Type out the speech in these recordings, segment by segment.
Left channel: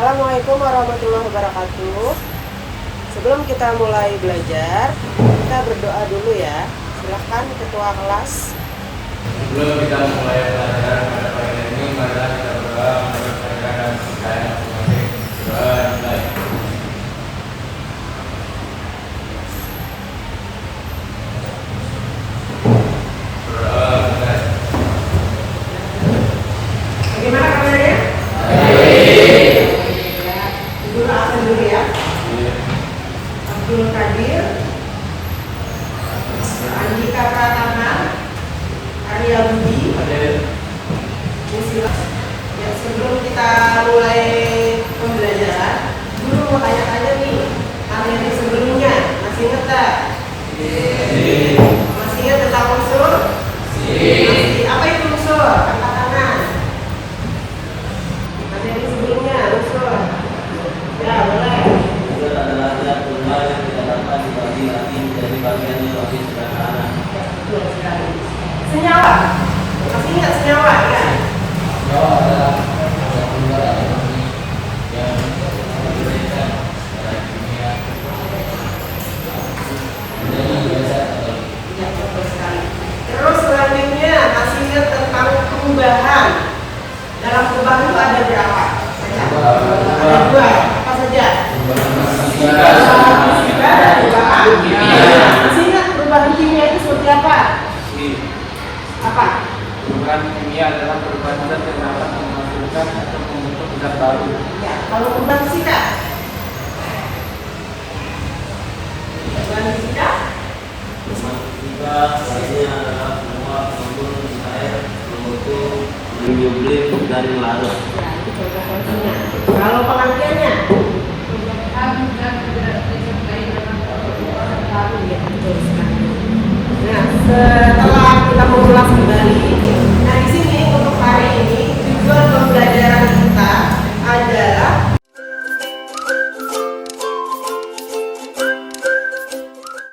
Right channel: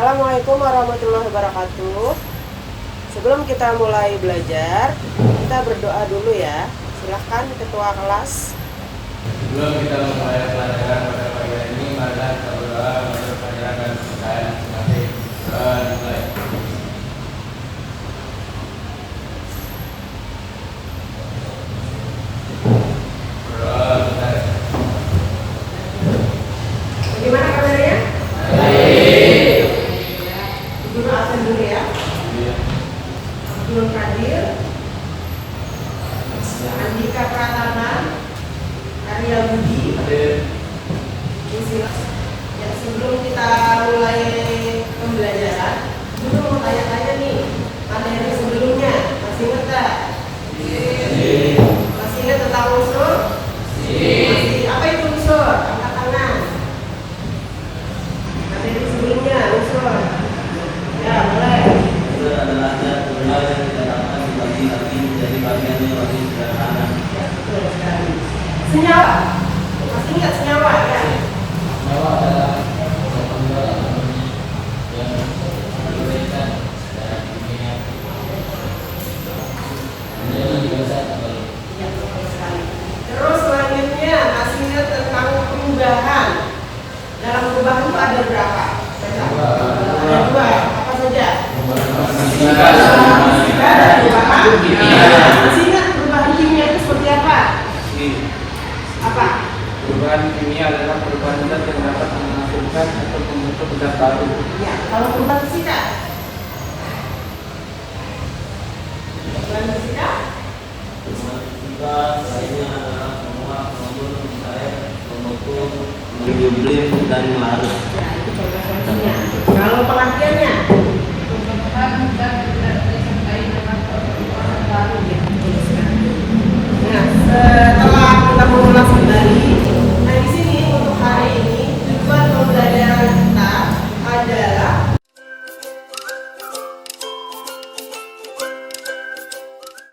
Assalamualaikum warahmatullahi wabarakatuh. Sebelum kita mulai belajar, kita berdoa dulu ya. Silahkan ketua kelas. Sebelum kita mulai belajar pada pagi ini, mari kita berdoa menurut ajaran kita masing-masing. Doa dimulai. Berdoa dimulai. Bagaimana kabarnya? Dulu absen dulu ya. Abdul Qadir, Andika Pratama, Arya Budi. Ya, sebelum kita mulai pembelajaran, dulu mau tanya-tanya nih materi sebelumnya, masih ingat tak? Masih ingat tentang unsur? Masih. Apa itu unsur? Angkat tangan. Materi sebelumnya unsur. Ya, mulai. Unsur adalah zat tunggal yang didapatkan dibagi lagi dari bagian yang lebih sederhana. Ya, betul sekali. Senyawa. Masih ingat senyawa ya? Senyawa adalah zat tunggal yang berbeda secara kimia menjadi zat atau Ya, betul sekali. Terus selanjutnya masih ingat tentang perubahan. Dalam perubahan itu ada berapa? Baca. Ada dua. Apa saja? Perubahan fisika dan perubahan kimia. Masih ingat perubahan kimia itu seperti apa? Apa? perubahan kimia adalah perubahan zat yang dapat menghasilkan atau membentuk zat baru. Ya, kalau perubahan fisika? Perubahan fisika? Jika lainnya adalah semua mengandung cair membentuk mikroblim dari larut. Ya, itu contoh-contohnya. Kalau pengertiannya? Nah, setelah kita mengulas kembali, nah di sini untuk hari ini tujuan pembelajaran kita adalah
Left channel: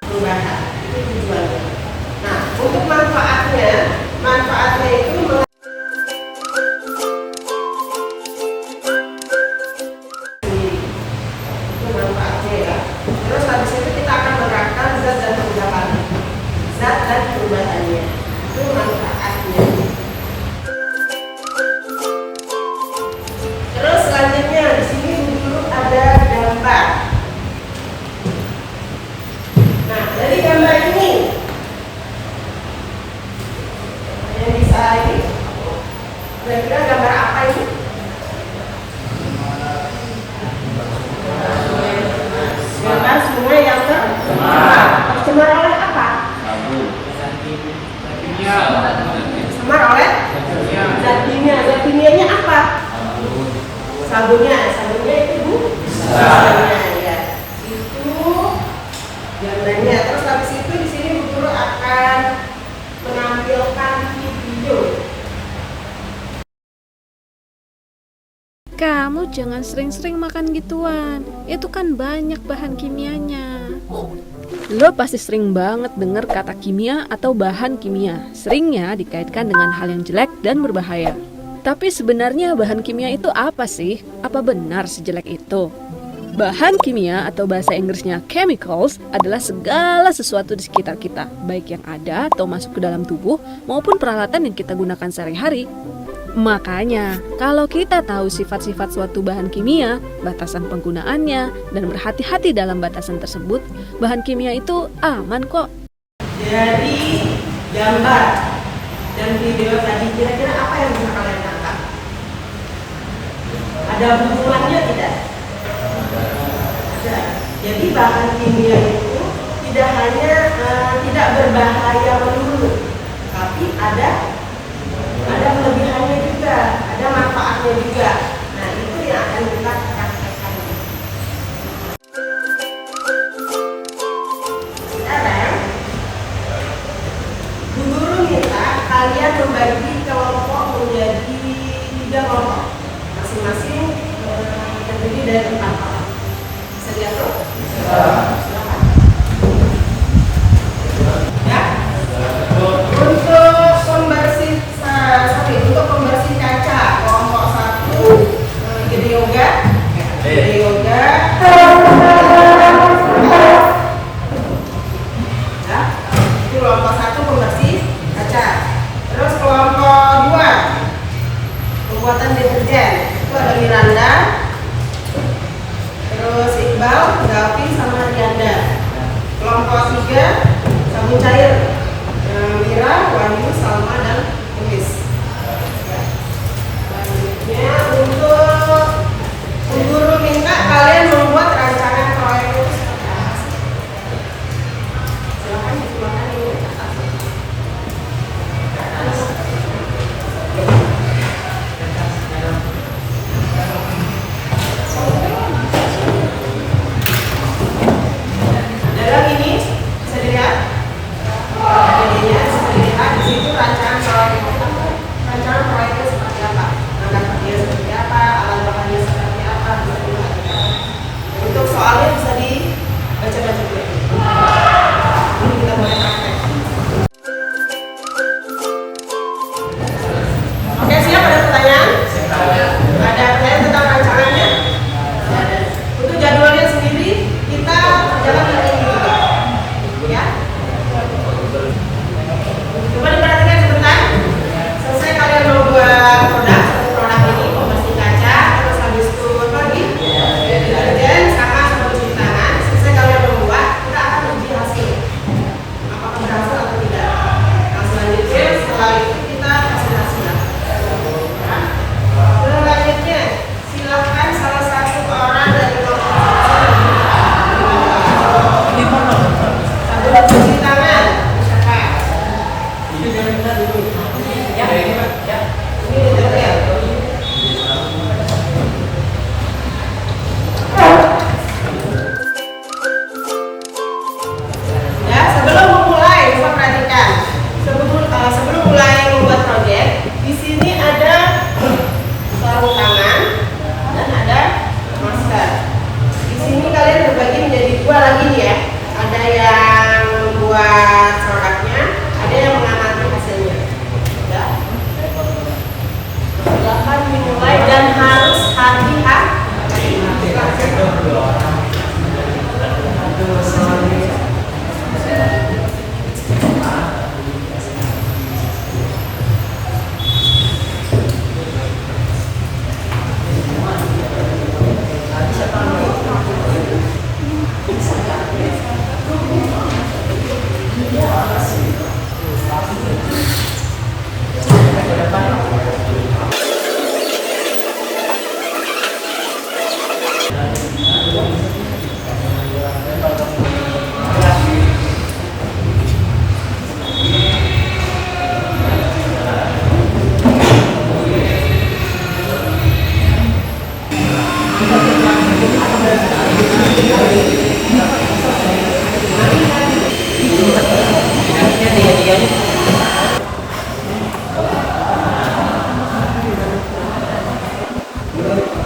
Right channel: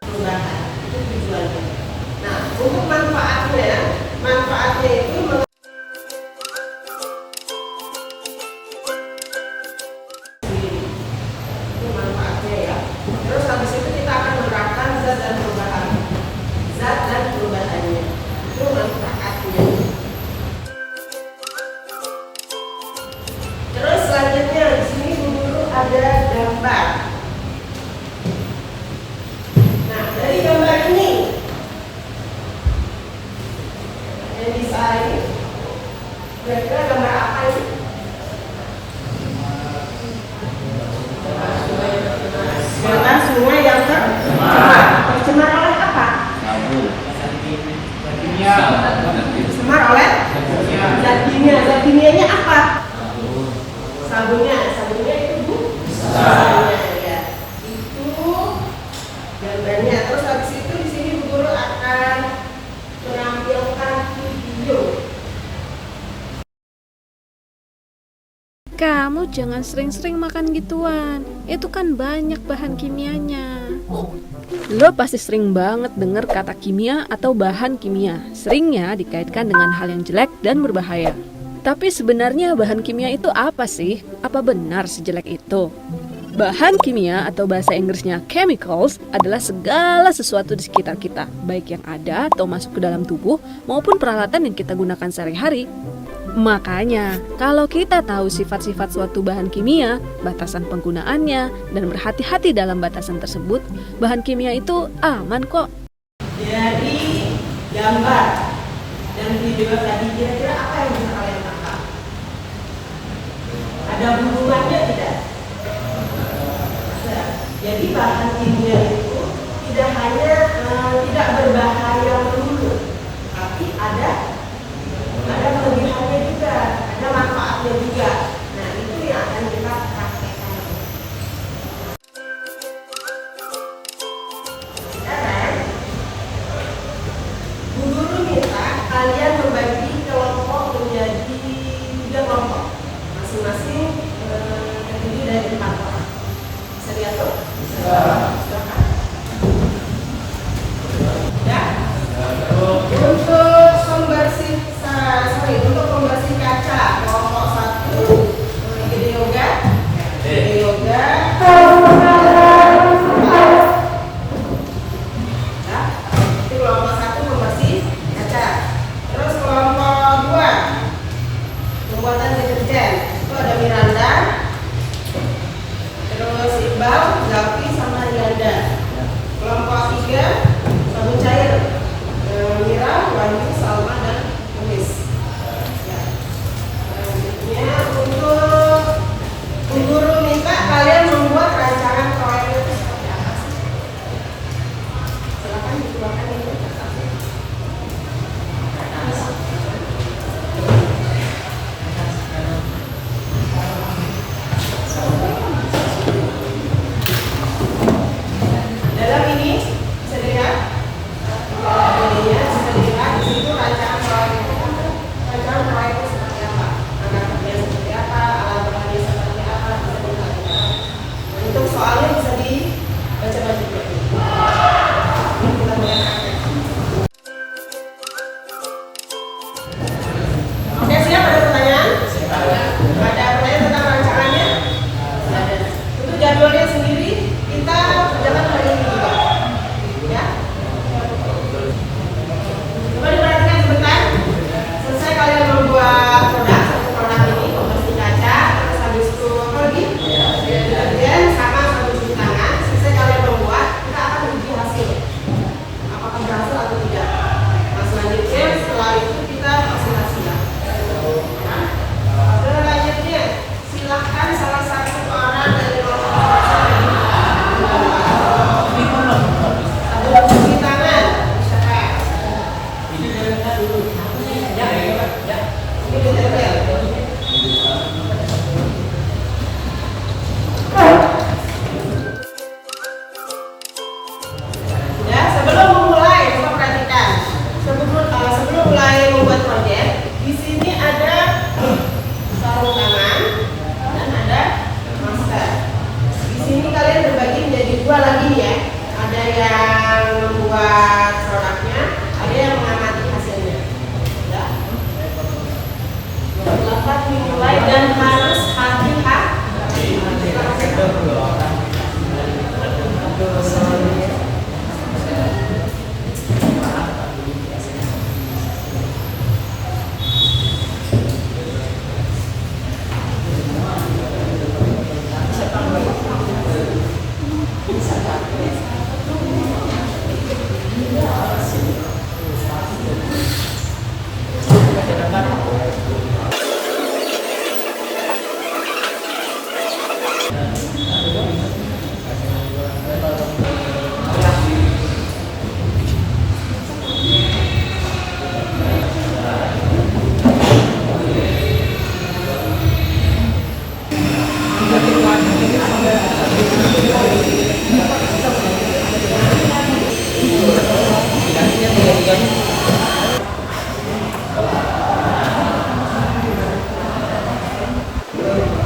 perubahan. Itu tujuannya. Nah, untuk manfaatnya itu itu manfaatnya ya. Terus habis itu kita akan menerapkan zat dan perubahan. Zat dan perubahannya. Itu manfaatnya. Terus selanjutnya di sini dulu ada gambar. Nah, dari gambar ini yang bisa ini kira-kira gambar apa ini? Gambar sungai yang tercemar. Tercemar oleh apa? Tercemar oleh zat kimia. Zat kimianya apa? Sabunnya itu Bu? Sabunnya ya. Itu gambarnya. Terus habis itu di sini Bu Guru akan menampilkan video. Kamu jangan sering-sering makan gituan. Itu kan banyak bahan kimianya. Lo pasti sering banget dengar kata kimia atau bahan kimia. Seringnya dikaitkan dengan hal yang jelek dan berbahaya. Tapi sebenarnya bahan kimia itu apa sih? Apa benar sejelek itu? Bahan kimia atau bahasa Inggrisnya chemicals adalah segala sesuatu di sekitar kita, baik yang ada atau masuk ke dalam tubuh maupun peralatan yang kita gunakan sehari-hari. Makanya, kalau kita tahu sifat-sifat suatu bahan kimia, batasan penggunaannya, dan berhati-hati dalam batasan tersebut, bahan kimia itu aman kok. Dari gambar dan video tadi kira-kira apa yang bisa kalian tangkap? Ada hubungannya tidak? Ada. Jadi bahan kimia itu tidak hanya tidak berbahaya melulu, tapi ada kelebihannya juga, ada manfaatnya juga. Nah, itu yang akan kita praktekkan. Sekarang Bu Guru minta kalian membagi kelompok menjadi 3 kelompok, masing-masing terdiri dari 4 orang. Bisa lihat tuh? Silakan. Ya. Untuk pembersih kaca kelompok 1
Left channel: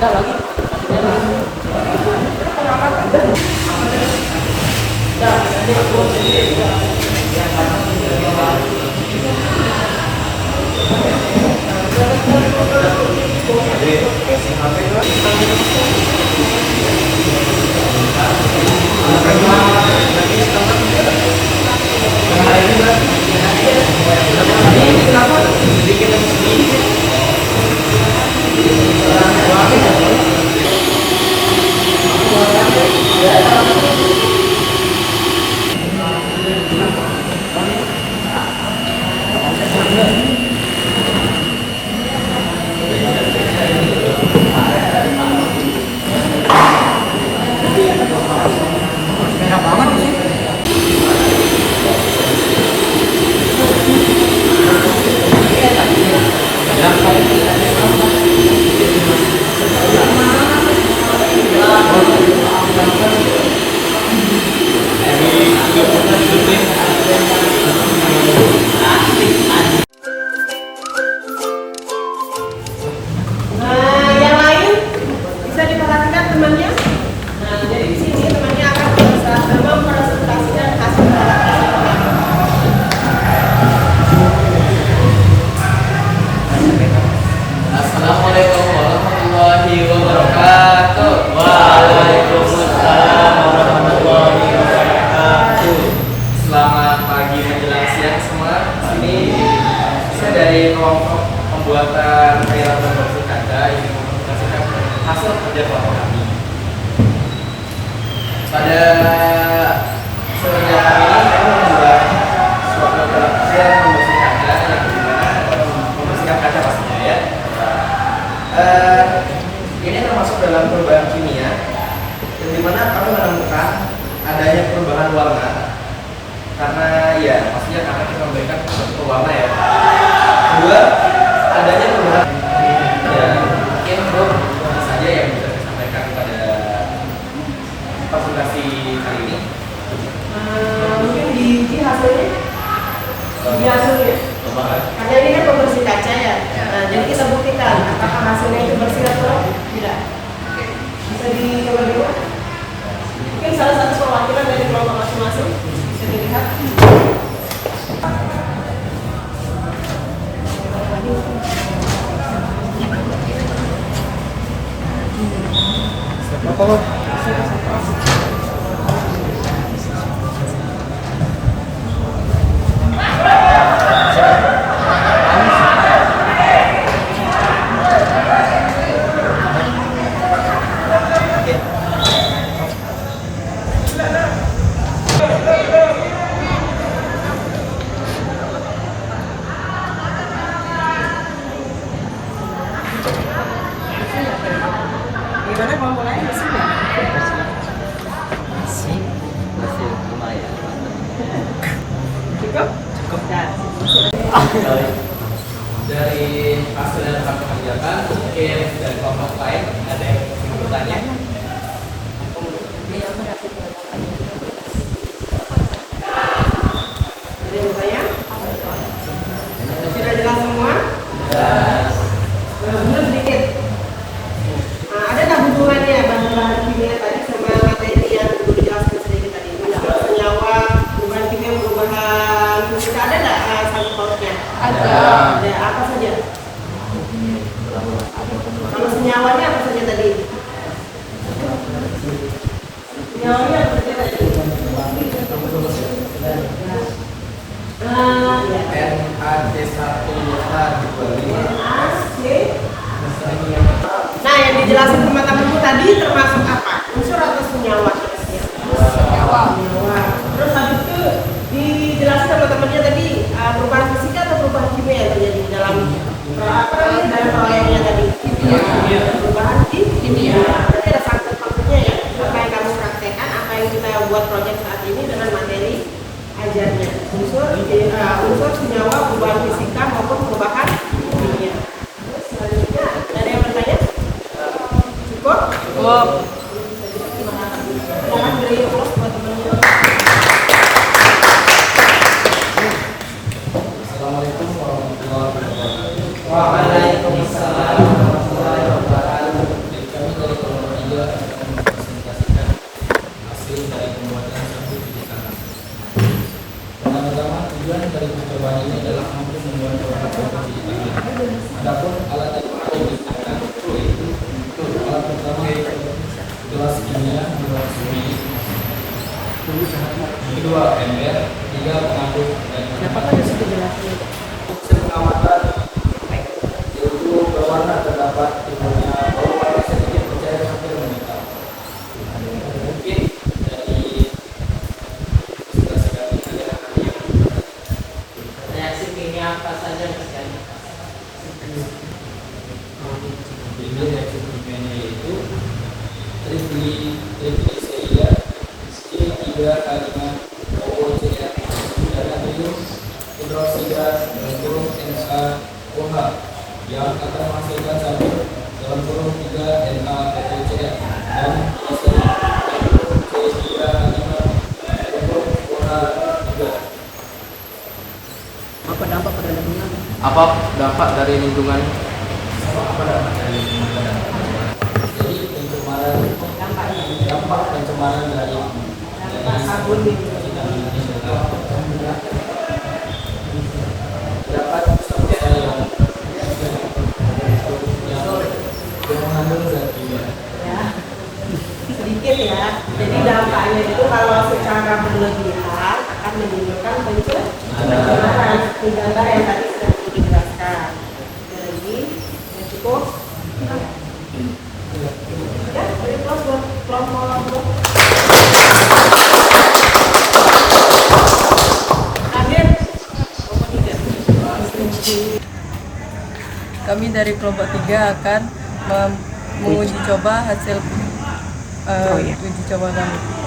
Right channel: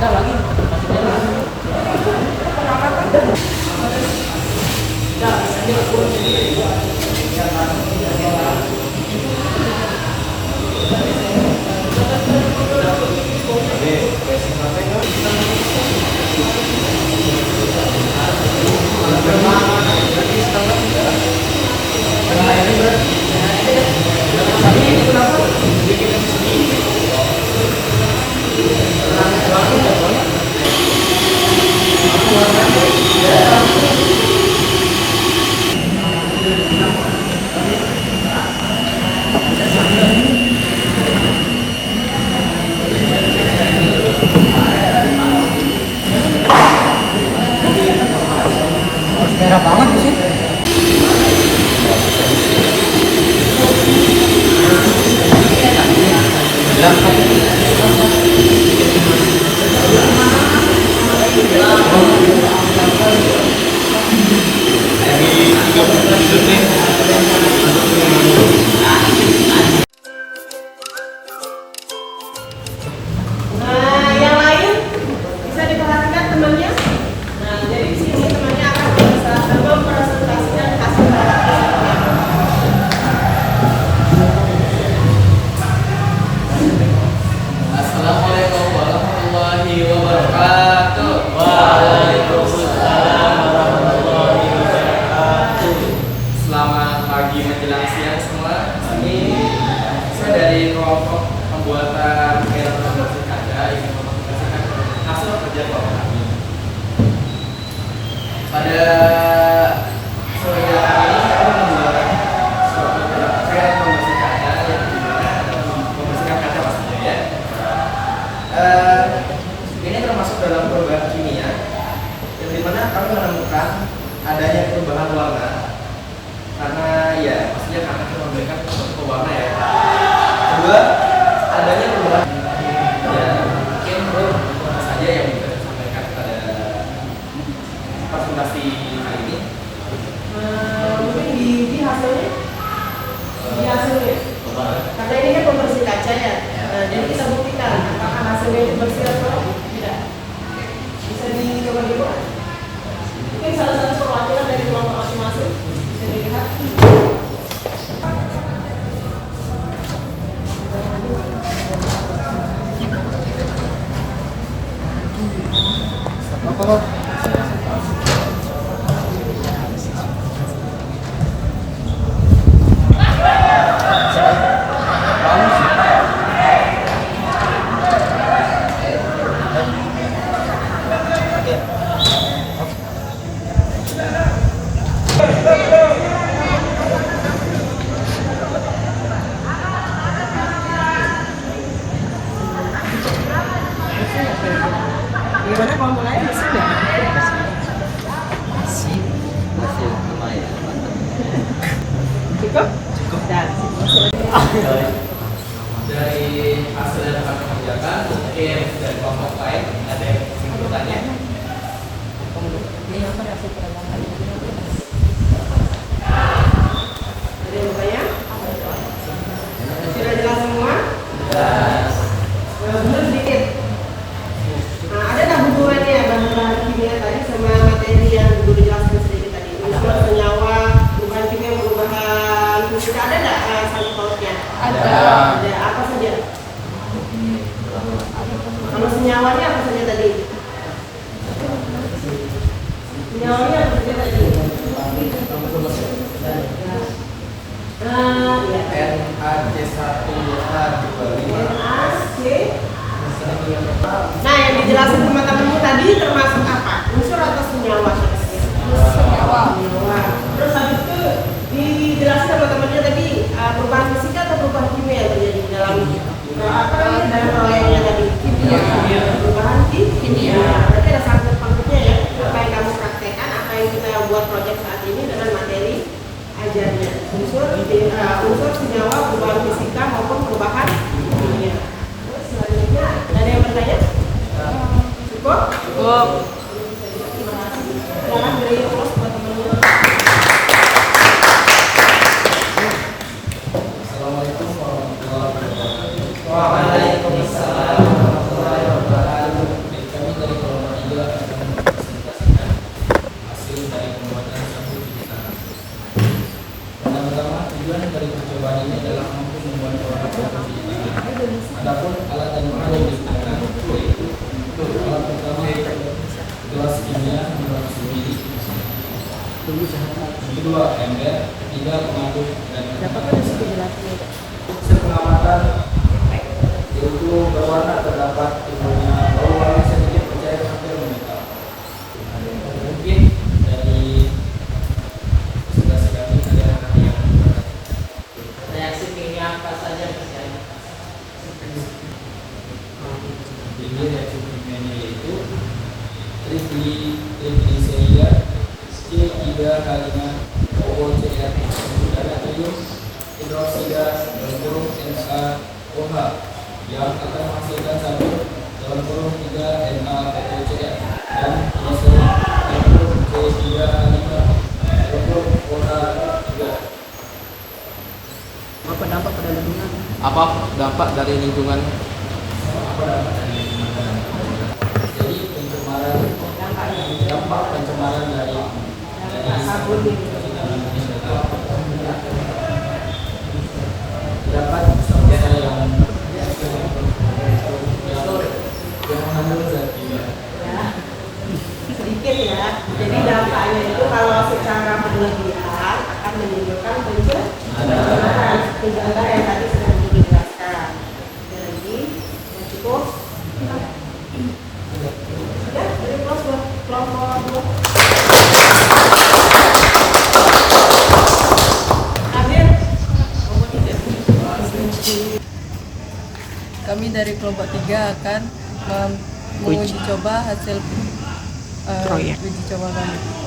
Nah, yang lain bisa diperhatikan temannya. Nah, jadi di sini temannya akan mempresentasikan hasil adaptasi. Assalamualaikum warahmatullahi wabarakatuh. Waalaikumsalam warahmatullahi wabarakatuh. Selamat pagi menjelang siang semua. Ini saya dari kelompok pembuatan cairan pembersih kaca yang mempresentasikan hasil kerja kelompok kami. Pada sore hari ini saya membuat suatu cairan pembersih kaca yang dimana membersihkan kaca pastinya ya. Ini termasuk dalam perubahan kimia yang dimana kami menemukan adanya perubahan warna karena ya pastinya karena kita memberikan suatu pewarna ya. Kedua, adanya perubahan ya mungkin itu saja yang bisa saya sampaikan pada presentasi kali ini. Mungkin di hasilnya, karena ini kan pembersih kaca ya. Nah, jadi kita buktikan apakah hasilnya itu bersih atau tidak. Bisa dicoba dulu. Mungkin salah satu perwakilan dari kelompok masing-masing bisa dilihat. Gimana kelompok lain bersih nggak? Masih lumayan, mantap. Cukup? Cukup. Dari hasil yang kami kerjakan, mungkin dari kelompok lain ada yang ingin bertanya. Ada yang bertanya? Sudah jelas semua? Belum sedikit. Nah, ada tak hubungannya bahan-bahan kimia tadi sama materi yang dijelaskan sedikit tadi? Unsur senyawa, perubahan kimia, perubahan fisika, ada nggak sangkut pautnya? Ada. Apa saja? Kalau senyawanya apa saja tadi? Senyawanya apa saja tadi? Nah, yang dijelaskan teman-temanmu tadi termasuk apa? Unsur atau senyawa? Senyawa. Terus habis itu dijelaskan teman-temannya tadi perubahan fisika atau perubahan kimia yang terjadi di dalam dalam proyeknya tadi? Perubahan kimia. Berarti ada faktor-faktornya ya. Supaya kamu praktekkan apa yang kita buat proyek saat ini dengan materi ajarnya. Unsur senyawa, perubahan fisika maupun perubahan kimia. Terus selanjutnya ada yang bertanya? Cukup? Cukup. Terima kasih. Silakan beri aplaus buat teman-teman. Assalamualaikum warahmatullahi wabarakatuh. Waalaikumsalam warahmatullahi wabarakatuh. ember, 3 pengandung dan 4 hasil pengamatan yaitu berwarna terdapat timbulnya bau warna sedikit bercair hampir menyita. Mungkin dari sudah sekali ada yang reaksi kimia apa saja misalnya. Jadi reaksi kimianya yaitu triglyceria C3H5 OCA dan natrium hidroksida dalam NaOH yang akan menghasilkan sabun dalam kurung 3 NaOCA dan gliserin dalam C3H5 OH 3. Apa dampak pada lingkungan? Apa dampak dari lingkungan? Apa dampak dari lingkungan? Jadi pencemaran dampak pencemaran dari sabun terdapat saudara yang mengandung zat kimia. Sedikit ya. Jadi dampaknya itu kalau secara berlebihan akan menimbulkan pencemaran gambar yang tadi sudah dijelaskan. Jadi cukup. Kami dari kelompok 3 akan menguji coba hasil uji coba kami.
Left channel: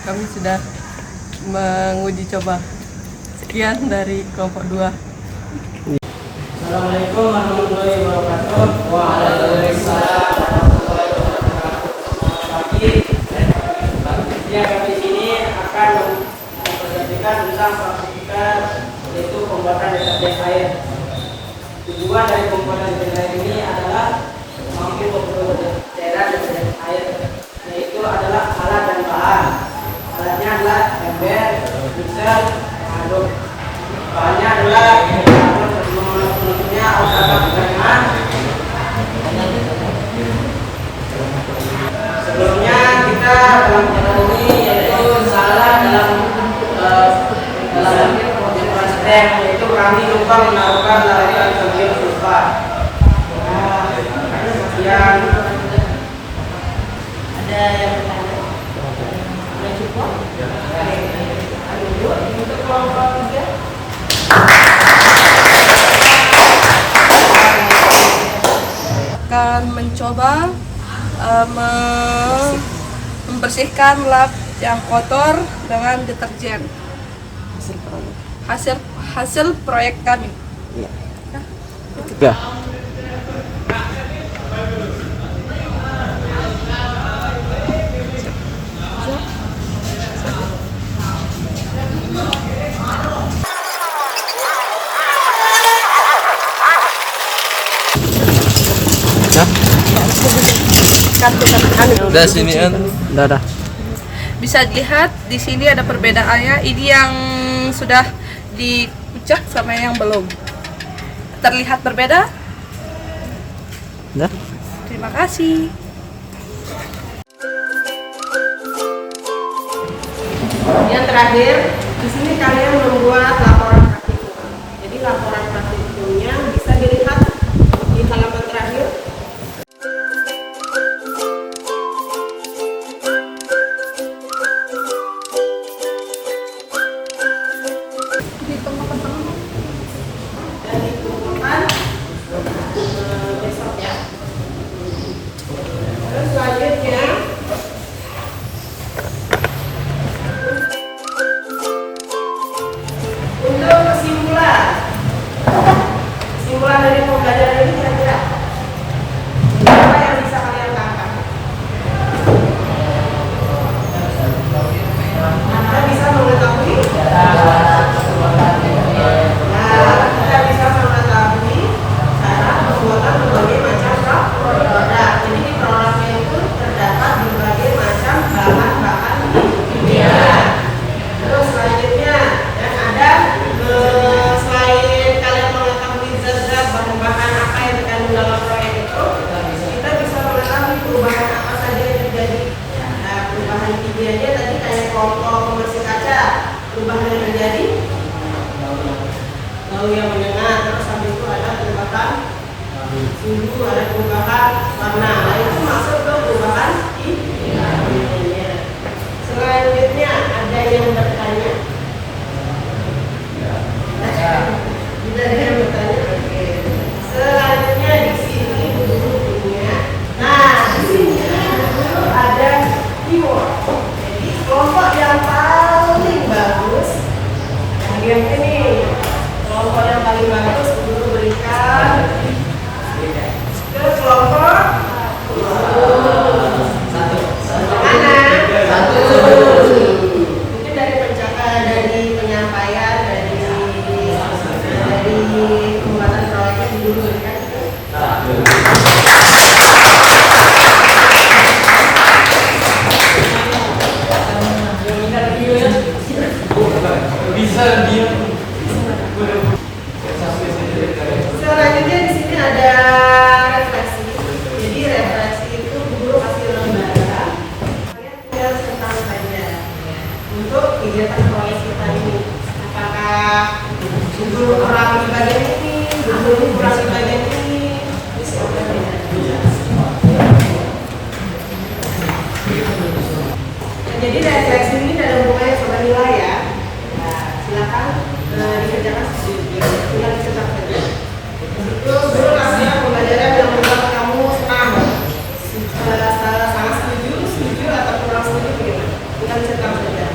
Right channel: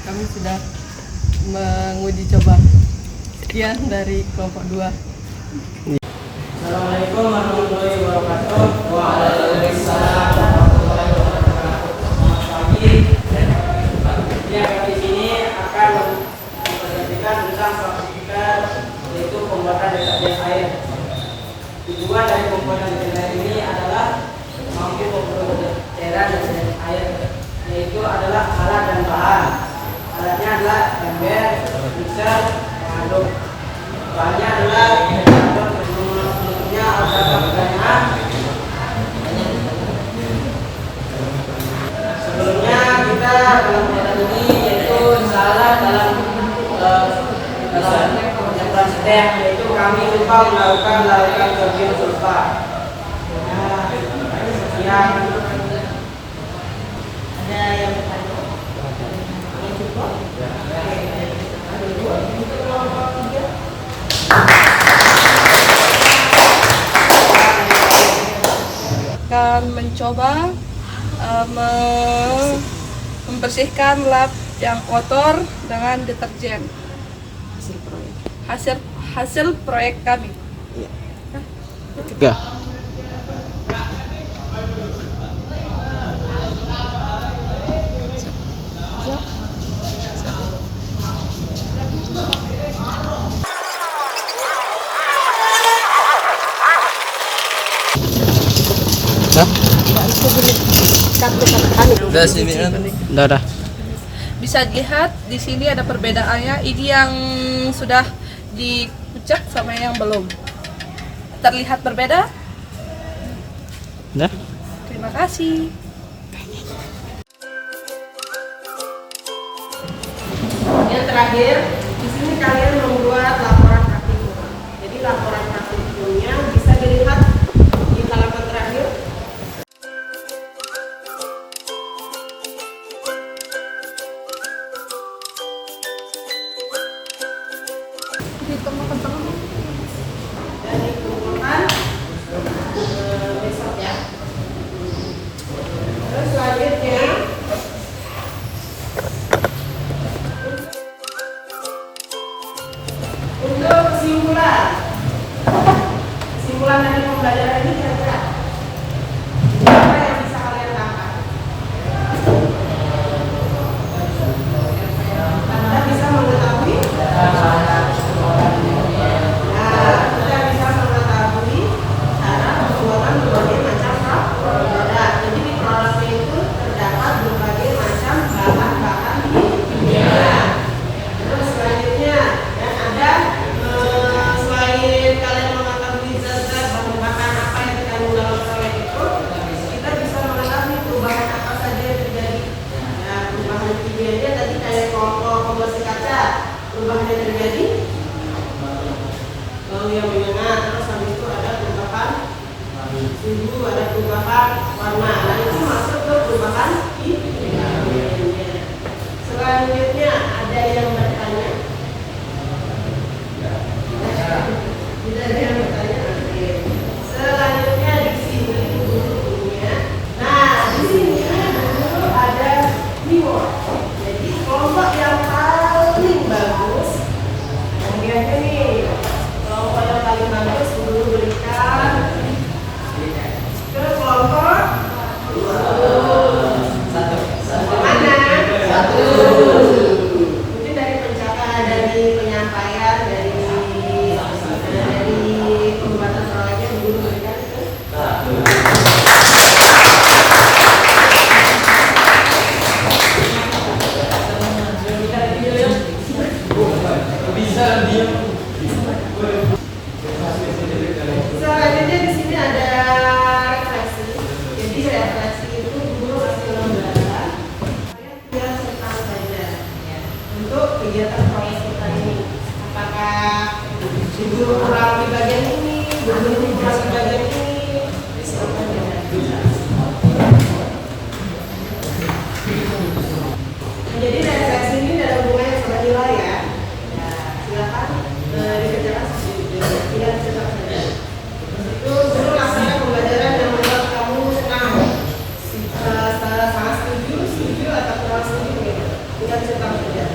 Kami sudah menguji coba. Sekian dari kelompok 2. Assalamualaikum warahmatullahi wabarakatuh. Waalaikumsalam warahmatullahi wabarakatuh. Selamat pagi. Ya, kami di sini akan mempresentasikan tentang praktik yaitu pembuatan deterjen air. Tujuan dari pembuatan deterjen ini adalah mampu membuat cairan deterjen air, yaitu adalah alat dan bahan. Alatnya adalah ember, mixer, pengaduk. Bahannya adalah sebelumnya kita dalam kegiatan ini yaitu salah dalam penyemprotan stem, yaitu kami lupa menaruhkan larutan sodium sulfat yang ada yang cukup untuk kelompok 3. Akan mencoba membersihkan lap yang kotor dengan deterjen. Hasil proyek kami. Ya. Udah sini kan. Udah. Bisa dilihat di sini ada perbedaannya. Ini yang sudah dipecah sama yang belum. Terlihat berbeda? Udah. Terima kasih. Yang terakhir, di sini kalian membuat laporan praktikum. Jadi laporan praktikumnya bisa dilihat di halaman terakhir. Besok ya. Terus selanjutnya untuk kesimpulan dari pembelajaran ini kira-kira apa yang bisa kalian tangkap? Anda bisa mengetahui suhu, ada perubahan warna. Nah, itu masuk ke perubahan kimianya. Selanjutnya ada yang bertanya. Tidak ada yang bertanya. Oke. Selanjutnya di sini guru kimia. Nah, di sini guru ada keyword. Jadi kelompok yang paling bagus ada hadiah ini. Kelompok yang paling bagus guru berikan ke kelompok mana? Mungkin dari dari penyampaian, dari pembuatan proyeknya guru berikan ke selanjutnya di sini ada refleksi. Jadi refleksi itu guru kasih lembaga. Kalian tinggal tentang saja ya, untuk kegiatan proyek kita ini. Apakah guru kurang di bagian ini, guru kurang di bagian ini, jadi refleksi ini dalam hubungannya sama nilai ya. Nah, silakan dikerjakan tinggal dicetak saja. Itu guru laksanakan pembelajaran yang membuat kamu senang. Sangat setuju atau kurang setuju begitu. Bukan cetak saja.